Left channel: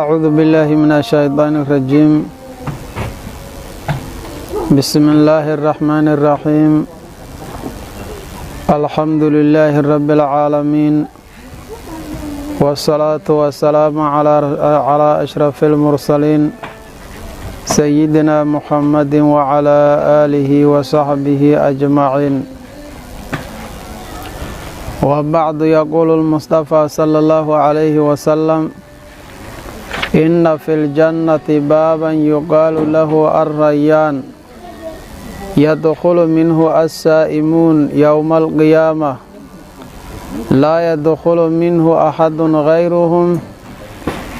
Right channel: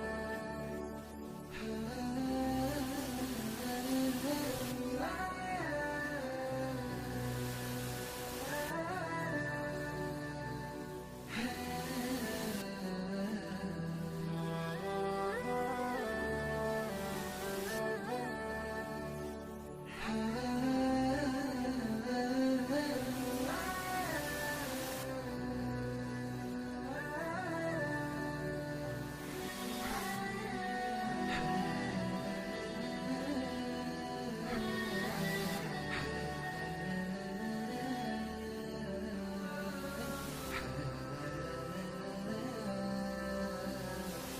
أعوذ بالله من الشيطان الرجيم. بسم الله الرحمن الرحيم. الحمد لله رب العالمين، والصلاة والسلام على أشرف المرسلين سيدنا محمد وعلى آله وصحبه أجمعين. وبعد، يقول المصطفى صلى الله عليه وسلم: إن في الجنة بابا يقال له الريان، يدخل منه السائمون يوم القيامة، لا يدخل منه أحد غيرهم،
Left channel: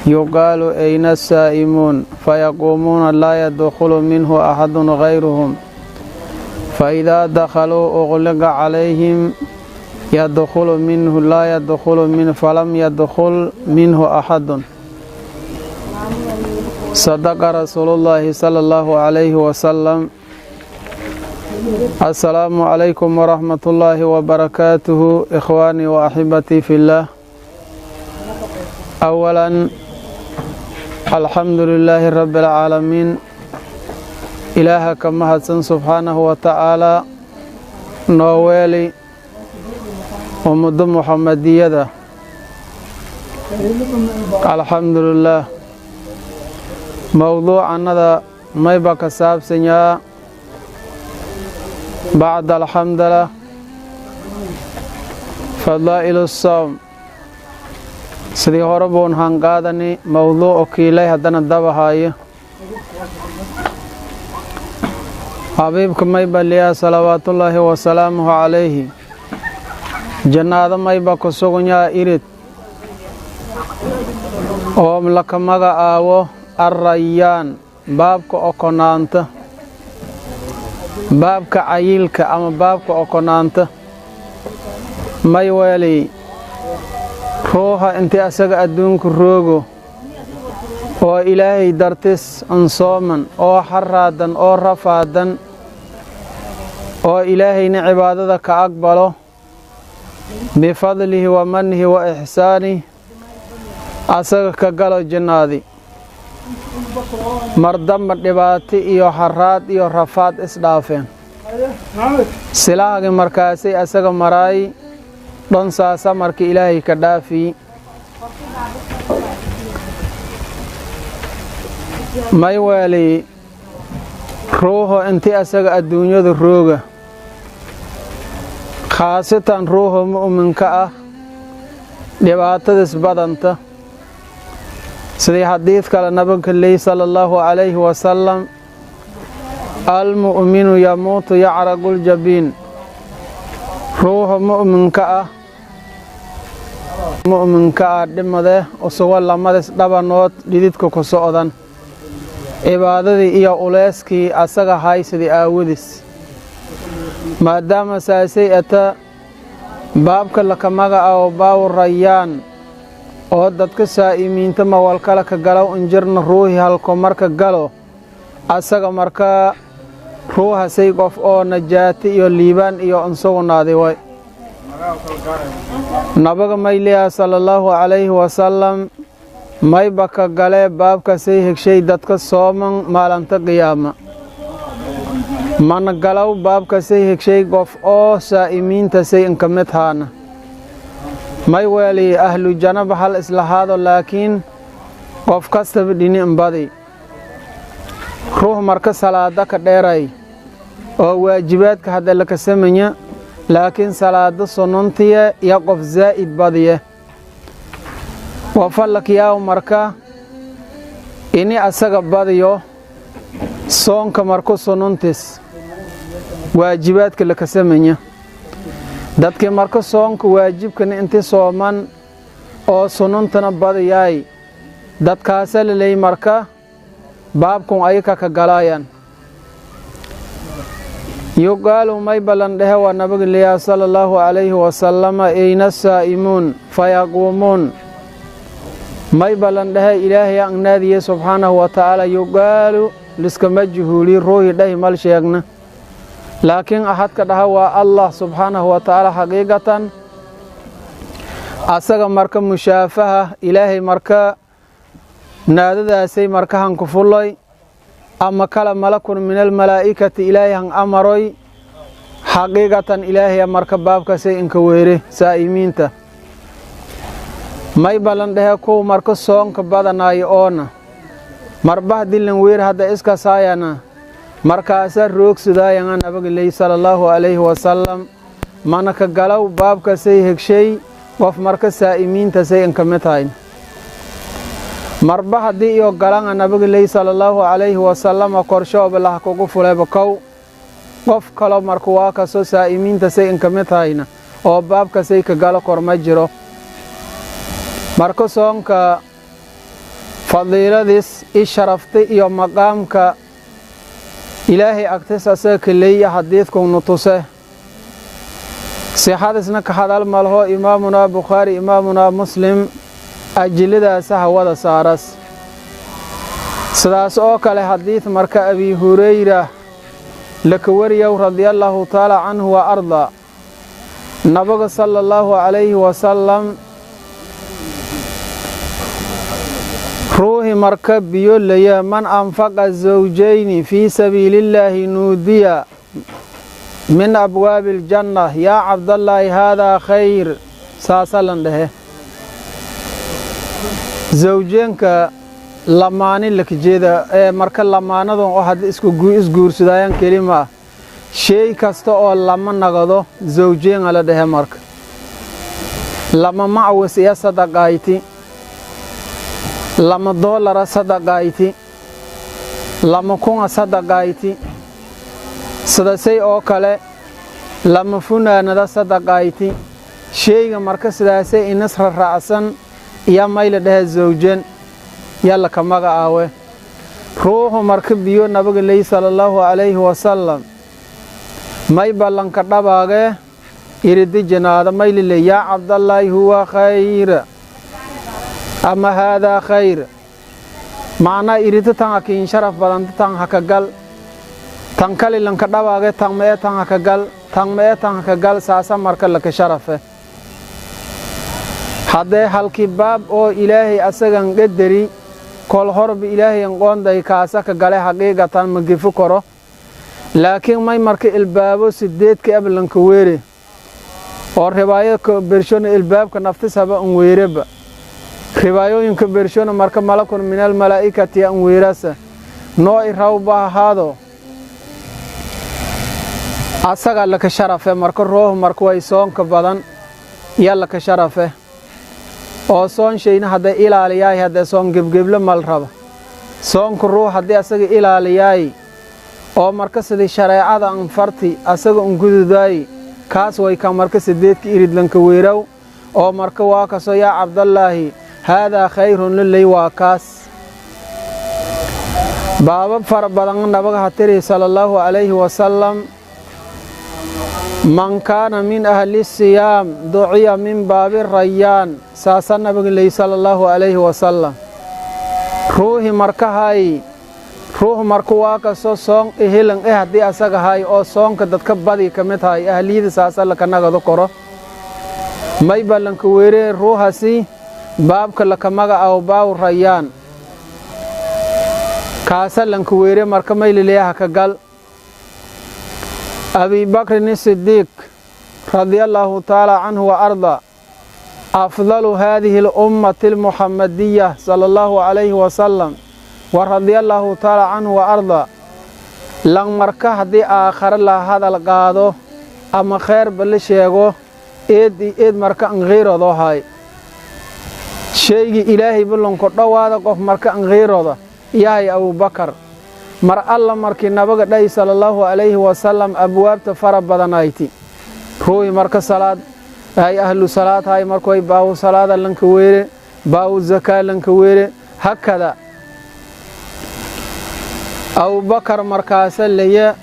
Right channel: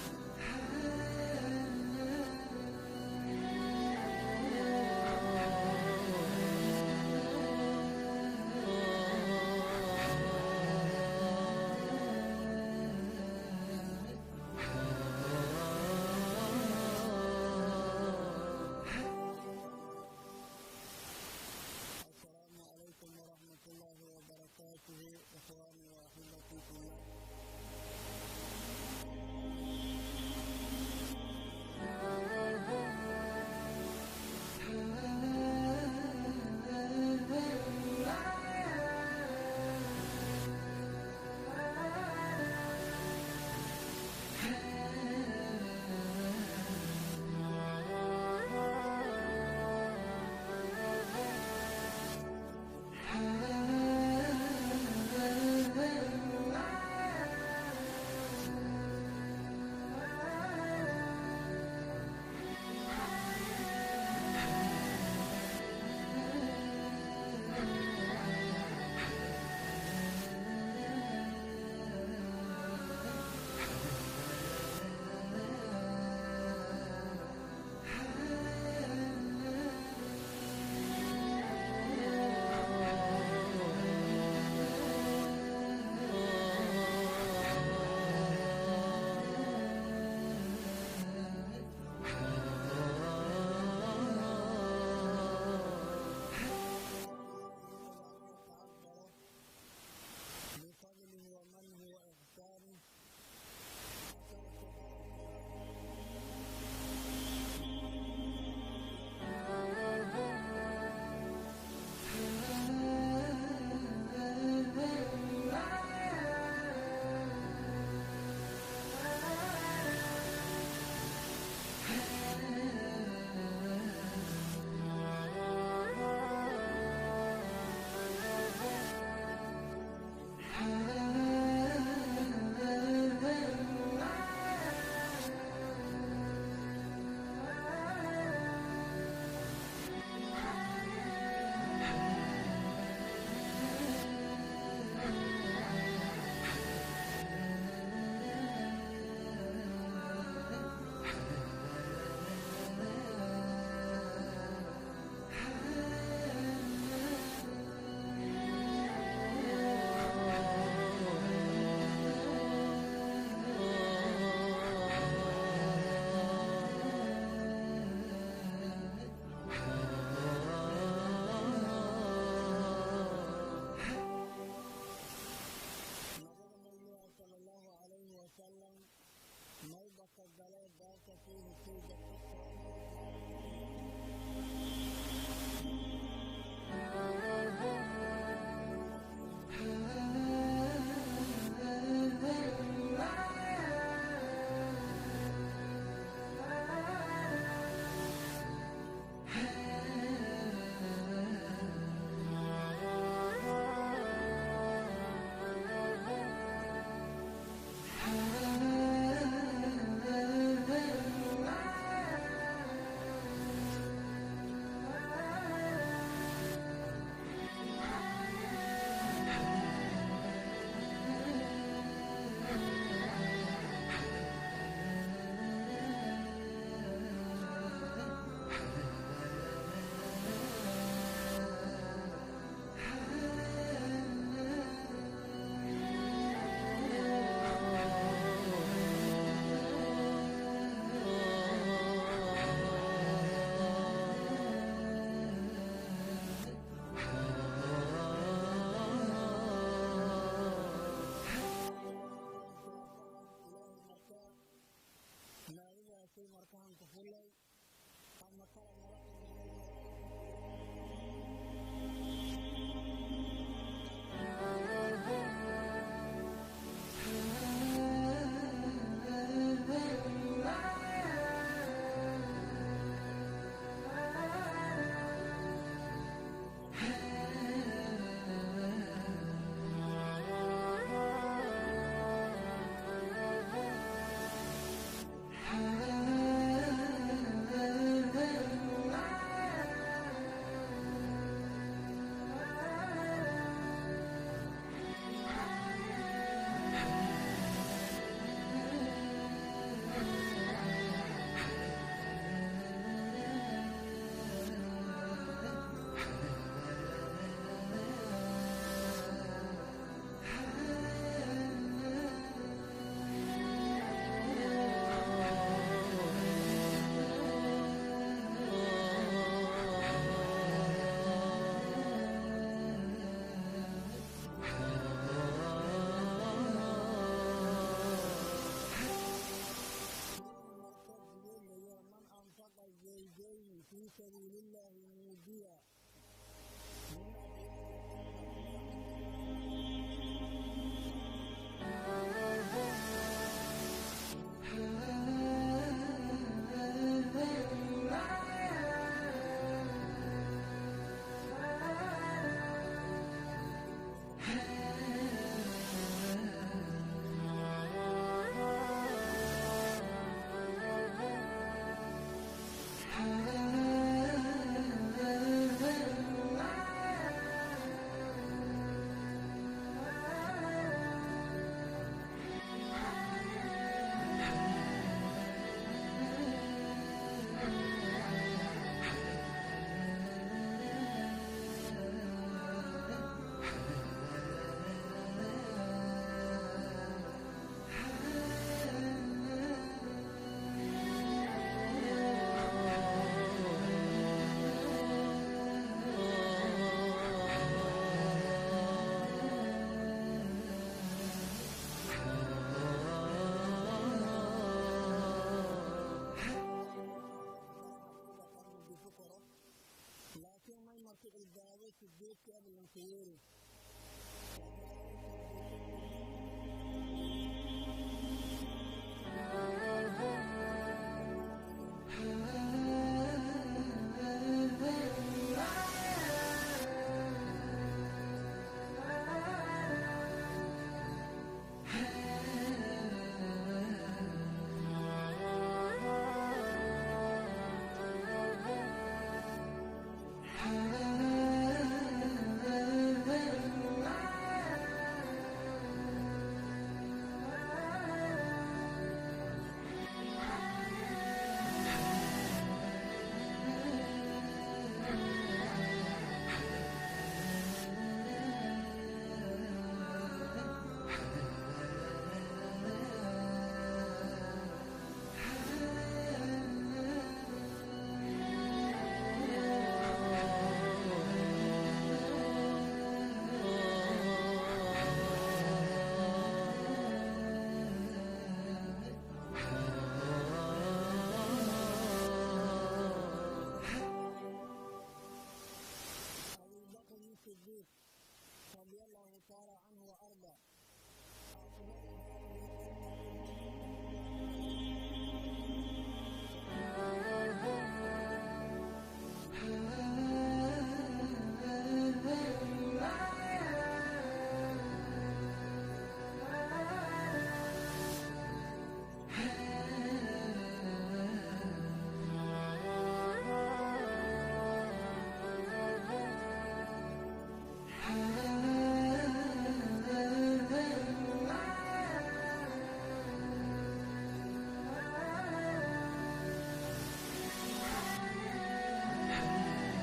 يقال أين السائمون؟ فيقومون لا يدخل منه أحد غيرهم، فإذا دخلوا أغلق عليهم، يدخل منه لا يدخل منه، فلم يدخل منه أحد. صدق رسول الله صلى الله عليه وسلم. السلام عليكم ورحمة الله وبركاته، إخواني وأحبتي في الله. أولا، الحمد لله رب العالمين، إله كما حسن سبحانه وتعالى نوالي ومد محمدية. الحمد لله. موضوعنا ما يبقى كساب سنيا بعد الحمد لله فضائل الصوم. سيدي هربون هنقادني موضوع أكيلي هدنا الدبهاي. حبيبكم ما يبقى ليا صلوات الله وسلامه عليه. جنة ما يبقى كسوغنيا إرد وم لك مغا آوه الريان، بابك أكونانت، بابك عيلك أما بابك أكونانت. ما يوالي روحا انت أساق أدونك روغو oo ilaahay dartis ansooman oo xaraadan oo rafaadan oo ilaahayna cibaadada ka aqbalo bifadlihi wa mannihi wa ihsaanihi, asaga ka galo jannaadi. mardamba dhibaato iyo xaraad iyo rafaad isdhaafeen, silaagi markaasay asaga maraay dhonsaasa markii ilaahay ka dhaafi. may waali ruuxo intii asaga adduunyada rooga, khaasatan ruuxo mu'minka ah dhibaatadis badanta. sidii xadiid kale nabiga leey sallallahu alayhi wasallam: almu'minu yamuutu yacraqul jabiin. ruuxo mu'minka ah dhimade usugo lamadis dhabanood dhididka ku socdan, cibaadadii iyo uleyskii asaga haysadii aawadis. maadaama saasay ata baabka laka magacaabo baabu rayaan oo dadka saa'imiinta mawalkala ka galow injirna ruuhi halko marka galo asaga markaa ruuhasay qof oo najaati iyo liibaan iyo ansugnaadi way. nabiga mayliya sallallahu alayhi wasallam mayba ka galee baabkasay hegshay dadka sooman maalinta qiyaama. mana galow baabkasay hegshay qof oo saa'imiintasay inka mid haana. may weeli ahlu janaba hal islahaado, laakiin qof kastaba dhini inbadi. ruux marka salaada ka dheeray oo waajibaadka hadda laka samanya, laakiin salaada sunantiya iyo qof zaa'id badiye. wafalakiyaaw marka ini asaga badiyo soonka marku sunantis waajibaadka laka samanya. dadkii marka soonka waajibkana inti sooman oo sunantana badiyaay, dadkaasa laleey marka baabkun ayaka ka galayaan. yuqaalu may balan dhehe waa nabiga leeyahay sallallahu alayhi wasallam: ayna saa'imuun? fayaquumuun. may balan dhehe ilaahay ang naadiye subxaanahu wa ta'ala: yuqaalu liskama juhuuli ruuhi dhahi mal sheegna laakiin ahadka dhaha waa allah subxaanahu wa tacaala xaqiiqatan asaga marka mushaafaha ilaahay marka naadadaasay markahan ku fullay ama kala malakun min almalaa'ikati ilaahay han amaroy xaqiiqatan ilaahay marka baabkaasay inka weere saa'imiinta may balan dhehe kuw marka soonka badanaayo oona marbah dilan weer hadda iska saayana markaasa roogsidaayan nabiga leey sallallahu alayhi wasallam manaka galaw baabkaasay hegshay qof marka saa'imiinta say inka mitayn marba haddii iyo galan nabiga leey sallallahu alayhi wasallam korsho bilah kugu fulayba kow qof kale marka waa ka soo saa'imiinta say inka mitayna oo baabkaasay ka galo korma jiro marka soonka fadiiladiis isharafti iyo maqaamka ilaahay agtiisa asaga kaleeya xadiidku nutuse sixadisna ka hadal malho imaamuna bukhaari imaamuna muslim ajiladaasa hawada saaras sidaas oo kale xadiid marka abi hurayra laka wariyow radiyallahu taala canhu wa arda nabiga sallallahu alayhi wasallam ruuhi marka biyo laya man anfaqa zawjayni fi sabiilillahi nuudiya min abwaabil janna yaa cabdallahi haadaa khayr saasalan dhehe zawjeenka lamaani lakajeeda ee marka lamaanadan oo hadda isguursadayaan kelima shay kasta oo lama nagado zawjeenga la dhehe marka lama macwas iyo sadaqayti lama doolara sadaqayti lama kunga sadaqayti sidasay oo kale lama funaanada sadaqayti shayga marka sidaasay inasra raacsan iyo mayla dhehe zawjan yalla ka magacaawe ruuxu marka biyo nabiga leey sallallahu alayhi wasallam may ballanka dhabaage iridi janaada mayli leey yaa cabdallahi huwa khayr ama haadaa khayr macnaa iridi tan akiin sharaf badan tan hakagal tan kali lanka dhabaage tan mee tan hakagal tan mee tan hakagal saasa marka laka sharafe haddee halkii baab oo ilaahay asagan qadari kol horba ilaahay qoonday kaasa ka gale xaqiiqatan ma gifu karo laakiin may marka ilbaabo sideedka ablanka weere oo riwaayadka bershona ilbaabka naftisaba un weereba riwaayooyinka bershona marka malakun min almalaa'ikati an weerasa noo irawba haado asaga laka sharafe marka ruuh marka way soonka badan yalla ka sharafe oo soon shayna hadda ilaaliyaay hadda soon gebgebla mal rabo soonku ruux hadda asaga ilaaliyaay oo marka sidii shariicada aan farti asaga gududaay kaas way ka marka sideedka iridlanka weeraw oo marka waa ka soo yaa cabdallahi hada khayrun lillahi waa kaas baaba far badan nabiga hatiri sallallahu alayhi wasallam man kaana min ahli siyam duciya min baabi rayyan saasa nabiga leey sallallahu alayhi wasallam ruuhi marka hay ruuh marka waa ka soo soon ehelan haddii asaga hay oo soonka dadka badi ka mid hay ahliyada saasa la kanagado koro may ballanka weere ruuhasi baabka la kamaga aw baaw rayyan kaasa lanka weere marka may leeyahay ka gal أبي بكر الصديق رضي الله تعالى عنه وأرضى أفضل هذه الأمة المحمدية صلى الله عليه وسلم ورضي الله تعالى عنه وأرضى لن مركه دي آخر لا هذا القادو أما خير بالشيغو إيد مركه غير ذو هاي شيء إلهي بلن قطوا هذا قف مركه غير ذو يا أبو بكر mar alla markii nabiga dhay sallallahu alayhi wasallam abwaabta fara badanayti ruuy marka salaad ay ahlu salaad hay markay baaw salaada lanka weere baaw zakaa lanka weere hakada Abu Bakar markaas leeya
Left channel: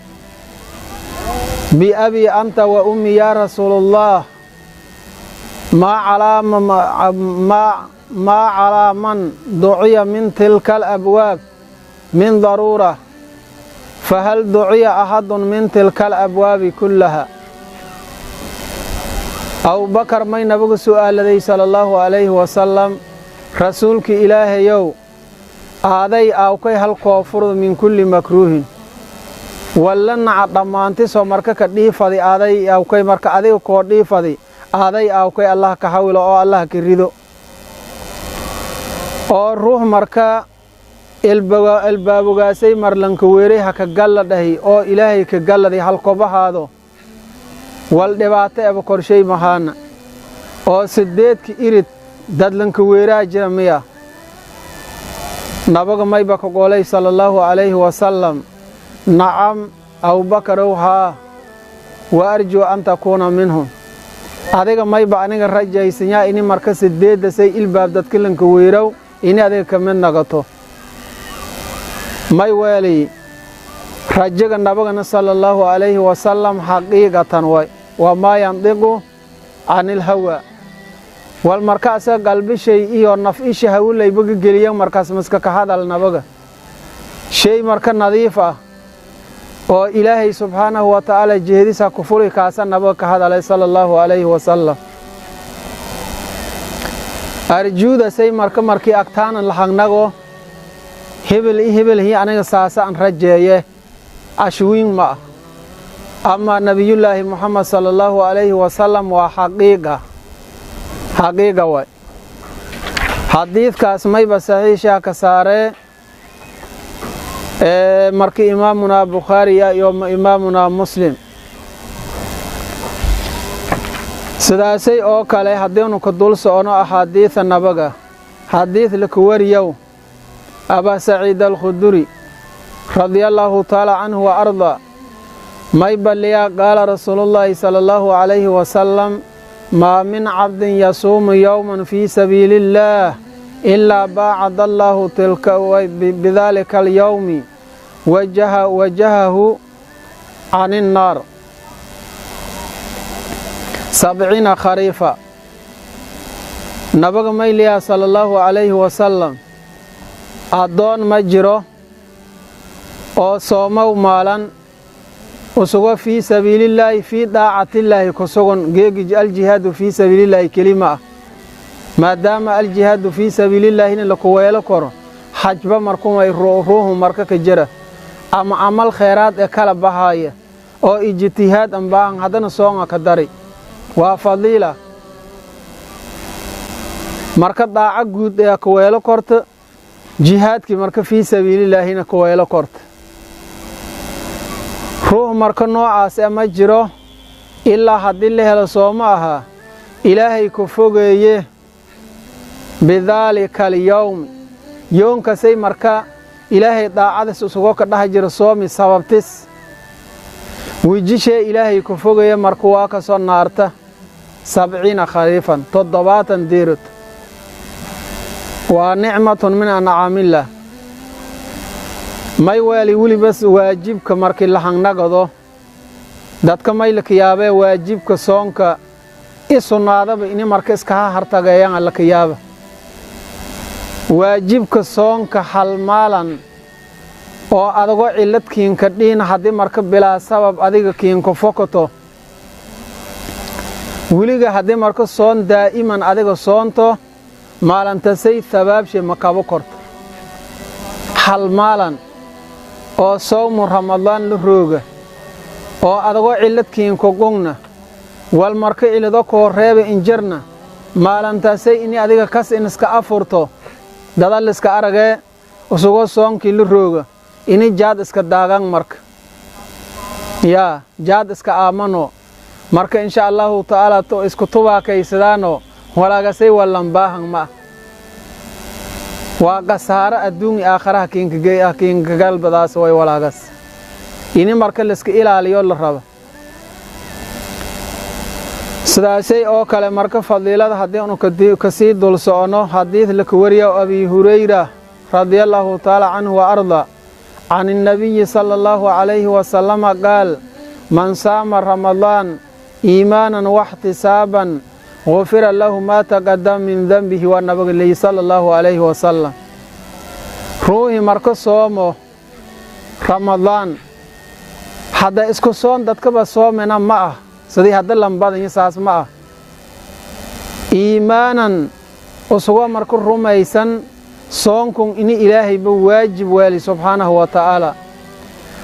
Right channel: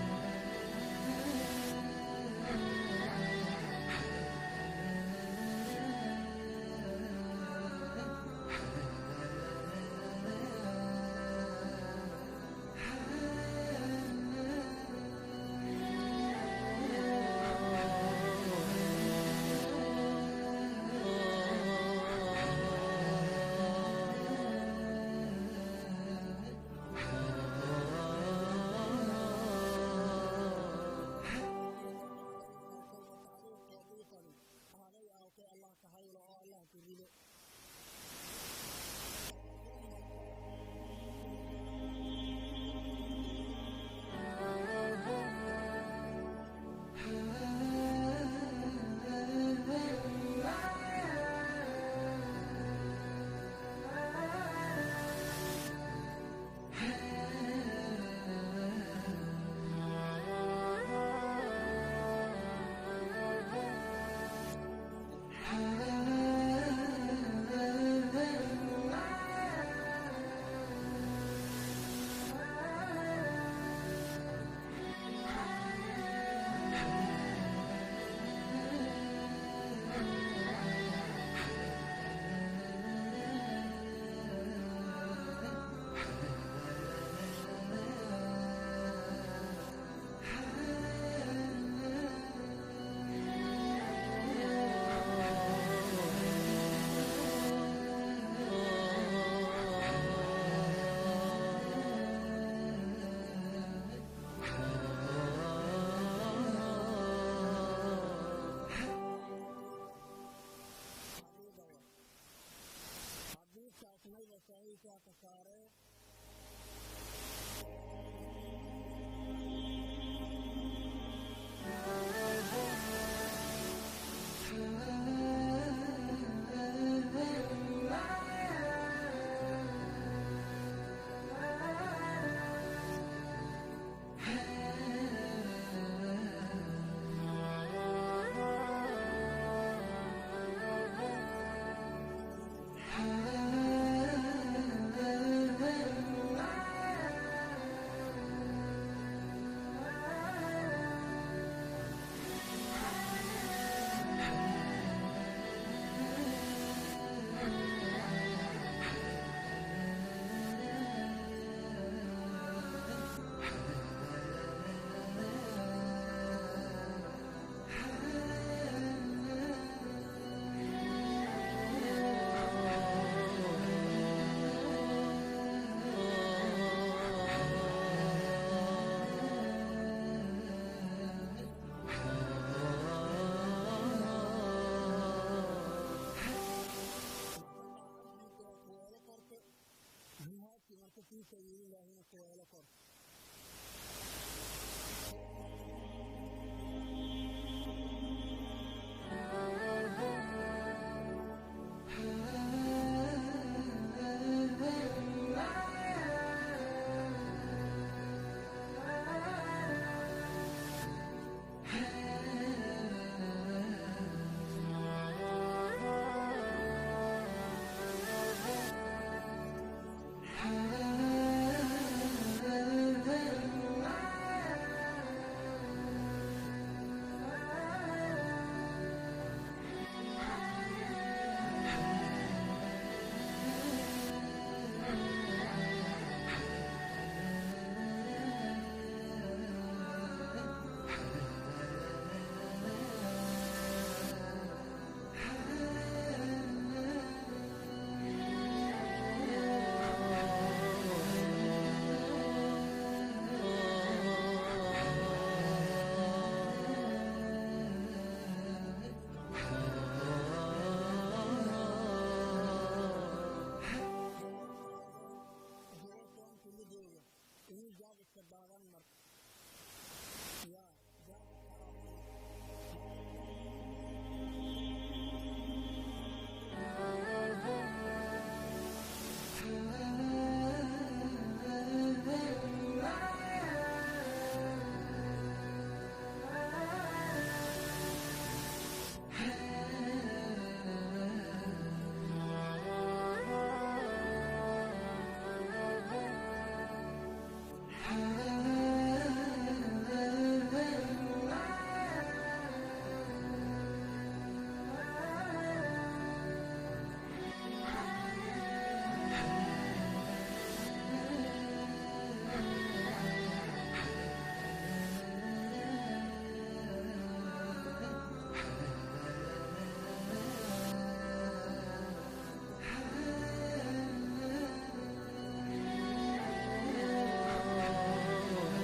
bi abi anta wa ummi ya rasulullah ma ala man du'iya min tilka al abwaab min darura fahal duciya axadun min tilka alabwaabi kullaha abubakar may nabigu su'aaladay sala allahu calayhi wasalam rasuulkii ilaahayow aaday aawkay hal koofurdu min kulli makruuhin walla naca dhammaantisoo marka ka dhiifadi aaday aawkay marka adiga koo dhiifadi aaday aawkay allah ka hawilo oo allah ka rido oo ruux marka ilbaabogaasay marlanka weeray ha ka galla dhahi oo ilaahay ka galladay halkobahaado wal dhibaato eba korshay mahaana oo sideedka irid dadlanka weeraa jira miya nabaga mayba ka golay sallallahu alayhi wasallam nacam abubakarow haa wa arjuu an takuuna minhum adiga mayba aniga rajaysanyaa ini marka sideedda say ilbaab dadkilanka weerow ini adiga ka mid nagato may weeli rajaga nabagana sallallahu alayhi wasallam xaqiiqatan way wamaa yandiqu canil hawa wal markaasa qalbishay iyo naf-isha hawlaybaga geliya markaas maska ka hadal nabaga shay marka nadiif ah oo ilaahay subxaanahu wa tacaala jeedisa ku furi kaasa nabaga ka hadalay sallallahu alayhi wasallam arjuuda say markii agtaanan lahagnago hebel hi aniga saasa an rajeeye ashwiin ma ama nabiyullaahi muxamed sallallahu alayhi wasallam waa xaqiiqa way xadiidkaas mayba saxiishaa ka saaree markii imaamunaa bukhaariya iyo imaamunaa muslim sidaasay oo kale haddiinu ka dul socono axaadiida nabaga xadiid laka wariyow abaa saciid alkhuduri radiallaahu tacaala canhu wa arda may balliyaa qaala rasuulullaahi sala allahu calayhi wasalam maa min cabdin yasuumu yowman fii sabiili illaah ilaa baacada allaahu tilka bidaalika alyowmi wajahahu can innaar 70 khariifa nabaga mayliyaa sala allahu calayhi wasalam addoon ma jiro oo soomow maalan usugo fii sabiilillaahi fii daacatillaahi ku sugan geegi aljihaadu fii sabiilillaahi kelima ah maadaama aljihaadu fii sabiilillaahi in laku weelo koro xajba markumay ruuhu marka ka jira ama camal khayraad ee kala bahaaya oo ijtihaad ambaan haddana soonga ka dari waa fadiila marka daaca guud ee ku weelo korta jihaadkii marka fii sabiilillaahina ku weelo korta ruux marka noocaas ma jiro ilaa haddii la helo sooma ahaa ilaahay ku fogeeye bidaalika alyowm yoonkasay marka ilaahay daacadis isugo ka dhaha jira soomi sababtis wijishee ilaahay ku fogeeye marka waa ka soo naarta 70 khariifan 70 diirut waa nicmatun min ancaamillah may weeli welibas waajibka markii la hangnagado dadka may la kiyaabee waajibka soonka i sunnaadaba ini marka iskaha hartageeyaan la kiyaaba waajibka soonka halmaalan oo adagoo ciladkiinka dhiin haddii marka bilaa sabab adiga kiinku fokoto weliga haddii marka soon daa'iman adiga soonto maalantasay habaabshe ma kabo korto halmaalan oo sawmu ramadaan la rooga oo adagoo ciladkiinku gungna wal marka cilado koo reeba injarna maalantaasay ini adiga kas in iska afurto dadal iska aragee usugoo soonkii la rooga ini jaad iska daagan marka yaa jaad iska aamano marka insha allahu tacaala to isku tubaakaysadaano walaagasay wallan baahan ma waa qasaaro adduun aakhiraha kiinka galbadaas way walaagas ini marka liska ilaaliyo la rabo sidaasay oo kale marka fadiilada haddii anu kasii dul socono xadiid laka wariya abi hurayra radiallahu tacaala canhu wa arda can الnabiyi sala allahu calayhi wasalama qaal man saama ramadaan iimaanan waxtisaaban gufira lahu maa taqadama min denbihi waa nabiga leeyi sala allahu calayhi wasalam ruuxii marka soomo ramadaan hadda isku soon dadkaba soomena ma ah sidii hadda lambadin saas ma ah iimaanan usugo markuu rumaysan soonkun in ilaahay ba waajib wali subhanahu wa ta'ala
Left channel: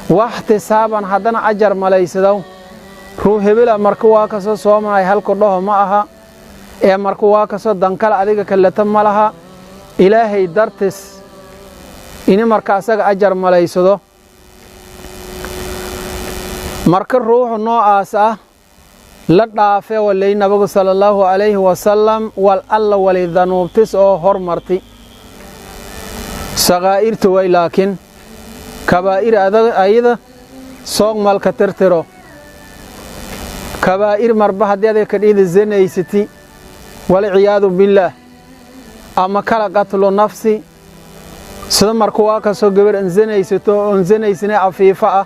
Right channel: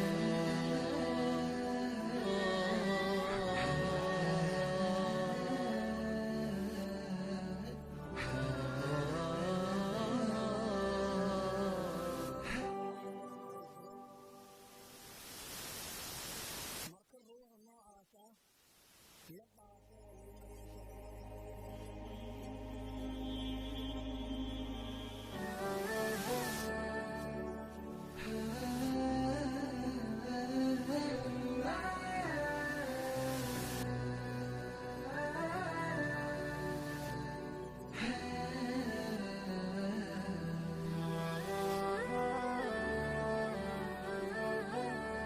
wahtisaaban hadana ajar malaysado ruux hebel markuu waa ka soo soomay halku dhaho ma aha ee markuu waa ka soo dankal adiga kalata malaha ilaahay dartis in marka asaga ajar malaysado marka ruuxu noocaas ah la dhaafay walay nabiga sallallahu alayhi wa sallam wal alla wali dhanuubtis oo hormarti sagaa'irtu way laakiin kabaa'ir ayada soog malka tirtiro kabaa'ir marba hadii ka dhigay zinaysati wal ciyaadu billah ama kala qatlu nafsi sida markuu waa ka soo gabar zinaysato oo zinaysina afiifa ah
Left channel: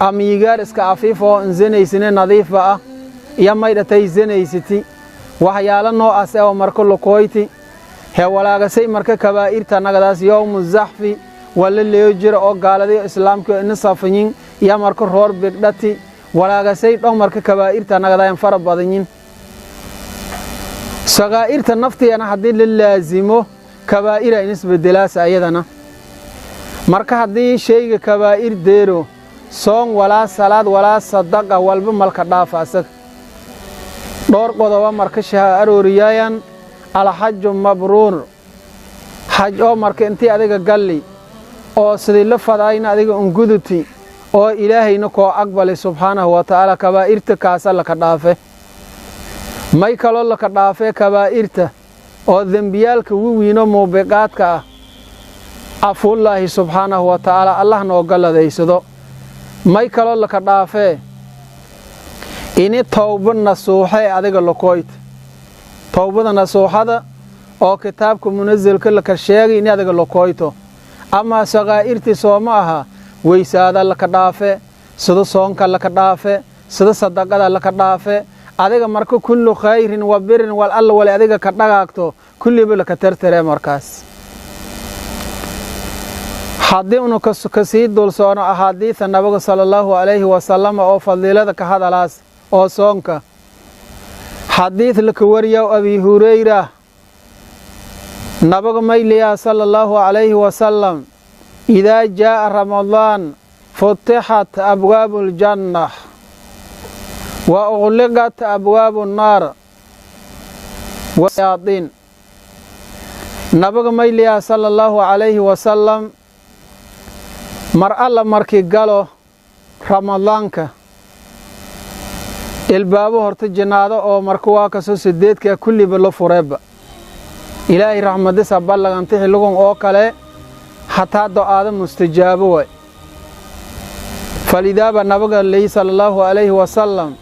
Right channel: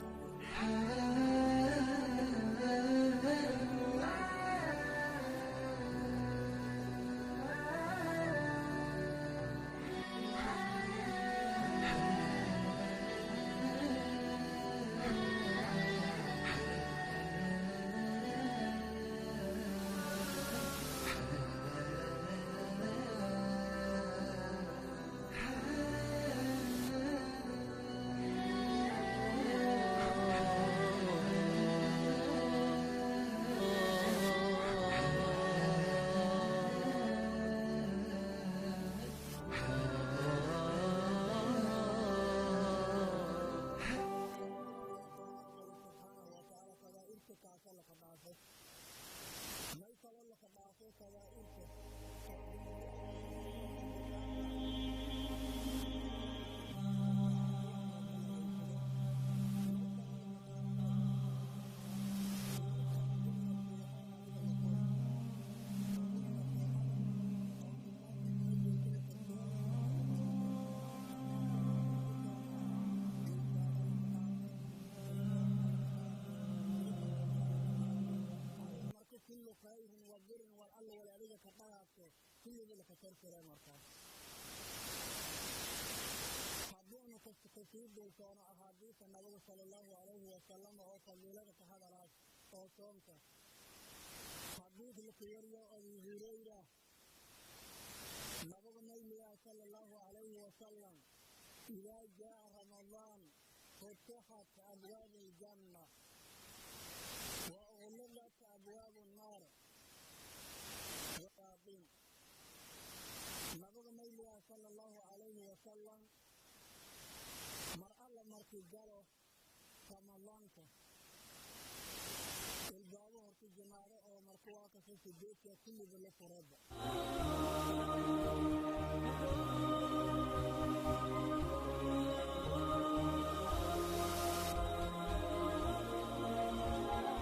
ama yigaar iska afiifa oo zinaysina nadiifa ah ya maydatay zinaysati waxyaalo noocaas oo marka luqoyti he walaagasay marka kabaa'irta nagadaas yawmu zahfi wala leejir oo gaaladii islaamka in safayin ya marka roor bigdati walaagasay dhow marka kabaa'irta nagadayn fara badanyin sagaa'irta naftiina hadii la laazimo kabaa'ira in isbedelaas ayadana marka hadii shayga kabaa'ir deero soon wala salaad wala sadaqa walba malka dhaafaasad door qodoba marka shaha arooriyaan الحج مبرور حج oo marka intii adiga galli oo sidii la fadayna adiga ungudti oo ilaahayna ko aqbalay subhanahu wa ta'ala kabaa'irta kaasa la ka dhaafe may kala la ka dhaafe kabaa'irta oo dambiyalka wiino muubiqaadka afullahi subhanahu wa ta'ala allah noo galadeysado may kala la ka dhaafe ini tawba nasuuxay adiga lokoyt tawbada nasuuxada oo kitaabka munazilka la ka sheegay in adiga lokoyto ama sagaa'irti sooma aha weysaada la ka dhaafe sida soonka la ka dhaafe sida sadaqada la ka dhaafe adiga marka kullu khayrin wa birrin wal alla wali adiga ka dhagaagto kulliba la ka tirtire markaas hadii uu ka sii dul soono ahadiisa nabiga sallallahu alayhi wa sallam oo fadilada ka hadalaas oo soonka حديث لك وريا أبي هريرة نبغ ميليا صلى الله عليه وسلم إذا جاء رمضان فتحت أبواب الجنة وأغلقت أبواب النار والشياطين نبغ ميليا صلى الله عليه وسلم مرأة مركي قالوا رمضانك الباب هرت جناده oo markuu waa ka soo sideedka kulliba la fureeba ilaahay rahmadiisa ballanti xilligan oo kale hataa du'aada mustajaabo way falidaba nabiga sallallahu alayhi wa sallam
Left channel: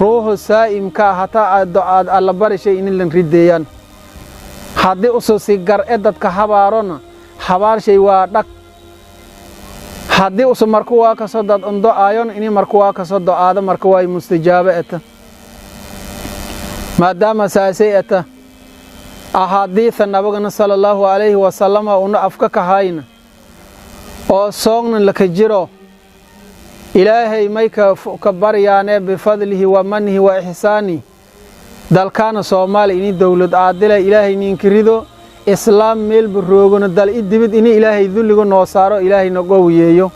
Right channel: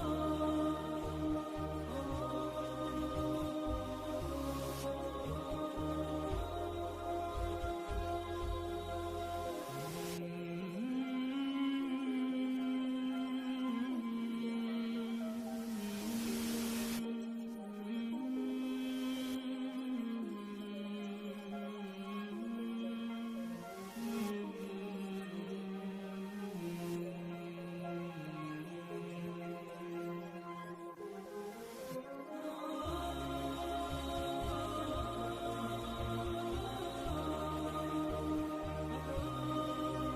ruuhu saa'imka hataa du'aad alla barishay in la rideeyaan hadii uu soo si gar dadka habaarona habaar shay waa dhaq hadii uu markuu waa ka soo dad undo aayon in markuu waa ka soo du'aada markuu way mustajaabo eta maadaama saasayata ahadiitha nabiga sallallahu alayhi wa sallam oo afka ka hayna oo soogna la ka jiro ilaahay may ka baryaane bi fadlihi wa manhi wa ihsani dalkana Soomaali in dawlad aadila ilaahay ninkirido islaam meel baroogona dal idibid in ilaahay dulliga noo saaro ilaahay naga wiyeeyo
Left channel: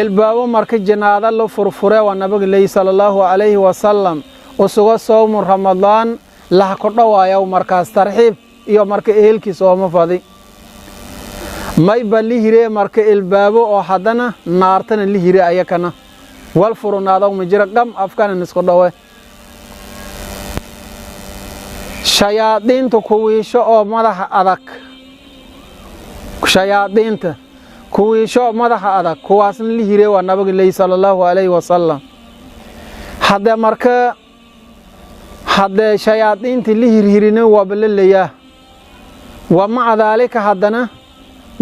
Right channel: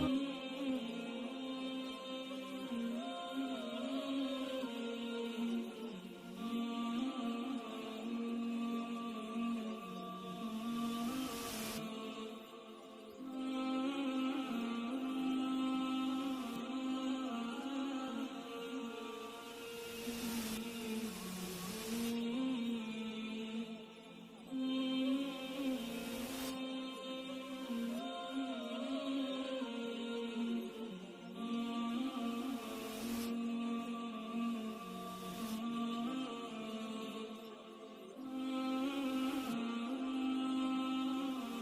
الباب مركز جنادة لو فرفرة والنبي الله صلى الله عليه وسلم وسوى صوم رمضان لا كنا ويا مركز ترحيب يوم مركز إلكي صوم فادي ما يبلي هري مركز الباب أو حدنا نارتن اللي هري أيكنا والفرن هذا ومجرى كم أفكار نسقطه شياطين تكويش أو مره أذك شياطين كويشو مدح هذا كواسن اللي هري والنبي الله صلى الله عليه وسلم هذا مركا هذا شياطين اللي هرينا وبلليا ومع ذلك هذانا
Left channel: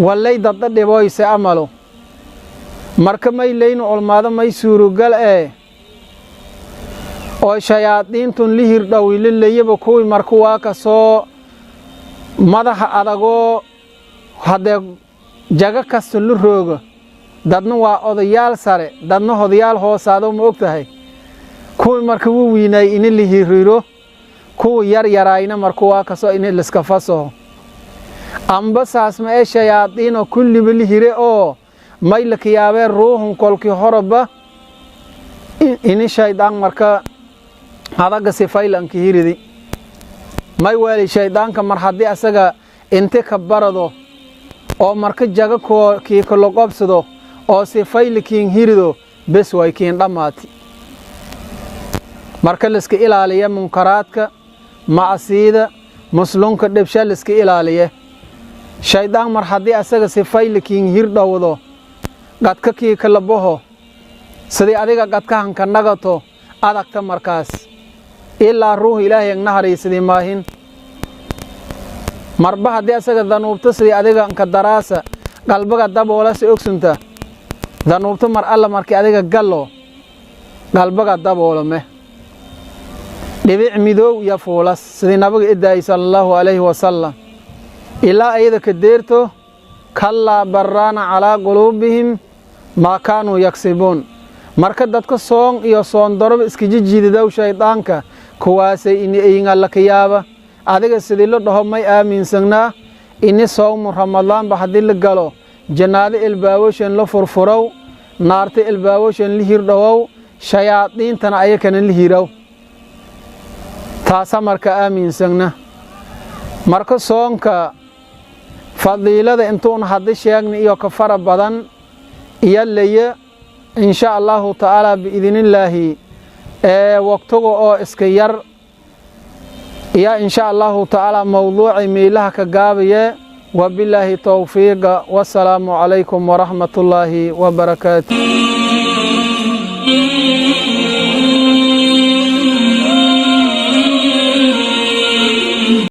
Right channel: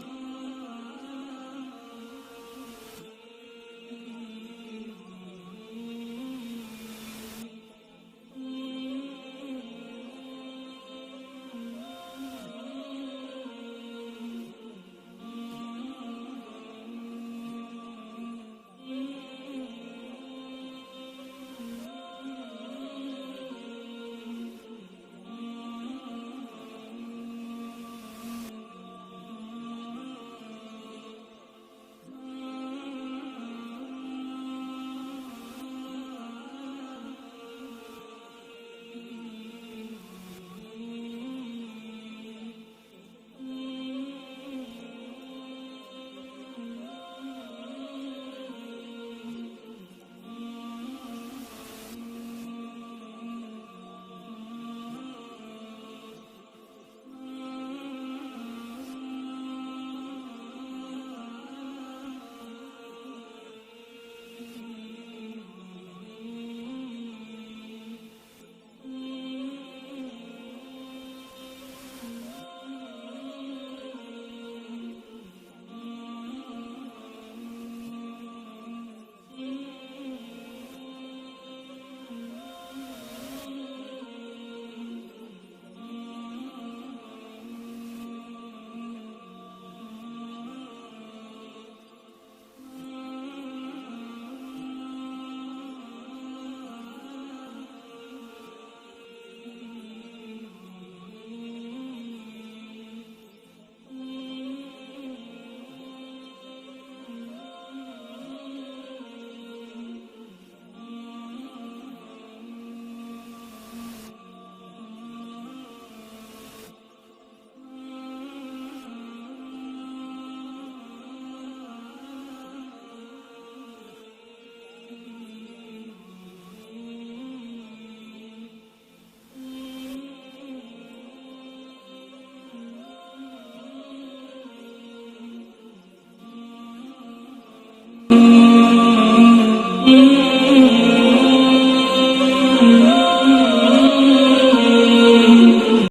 والله ضد دبويس عمله مركا ما يلين علماء ما يسورو قال أو شياطين اللي هردا ويلليا بكوي مركوا كسو مدح هذا هذا jaga kasto lu roogo dadna waa odayaal sare dadna odayaal hoosaado ma ogtahay kuwii marka uu wiinay in la hiriiro kuwii yar yarayna marka waa kasoo in la iska faso amba saas ma ee shayaadiin kulli la hire oo may la kiyaabee ruuhun kolkii horaba in shaydaan marka hadaga sifaylanka hiridi may wali shaydaanka mar hadii asaga inta ka barado oo marka jaga kii ka loqobsado oo sifaylikiin hirido bes way kiin dhamaati marka la iska ilaaliyo munkaraadka maasiida muslimka dhibsha la iska ilaaliyo shaydaan mar hadii asaga sifaylikiin hirdawdo dadka kii kala boho sidii adiga dadka hanka nagato adagta markaas ilaa ruux ilaahay naxariisadii maahin marba hadii asaga danuubta sidii adiga ka daraasa qalbiga daboola si ogsunta danuubta mar alla markii adiga gallo qalbiga daboolame dhibic midow ya fuulas sidii nabiga idaay sallallahu alayhi wasallam ilaa ayada ka deerto kalla barana ala qulubihim ma kaanu yaksibun marka dadka soon iyo soon darab iska jijiidaw shaydaanka kuwaasay in ay la kiyaaba adiga sidii la dhaho may aaminsanaa in soom ramadaan ba hadii la galo jannada ilbaawashan la furfuraw naarta ilbaawashan la hirdhaw shayaadiintana ayakana la hiraw taasa marka aaminsanaa marka soonka fadiilada intuun hadii sheegni iyo ka fara badan iyo leeya إن شاء الله تعالى بإذن الله وقته إسكير يا إن شاء الله تعالى موضوع ميلها كجابية وبالله توفيق والسلام عليكم ورحمة الله وبركاته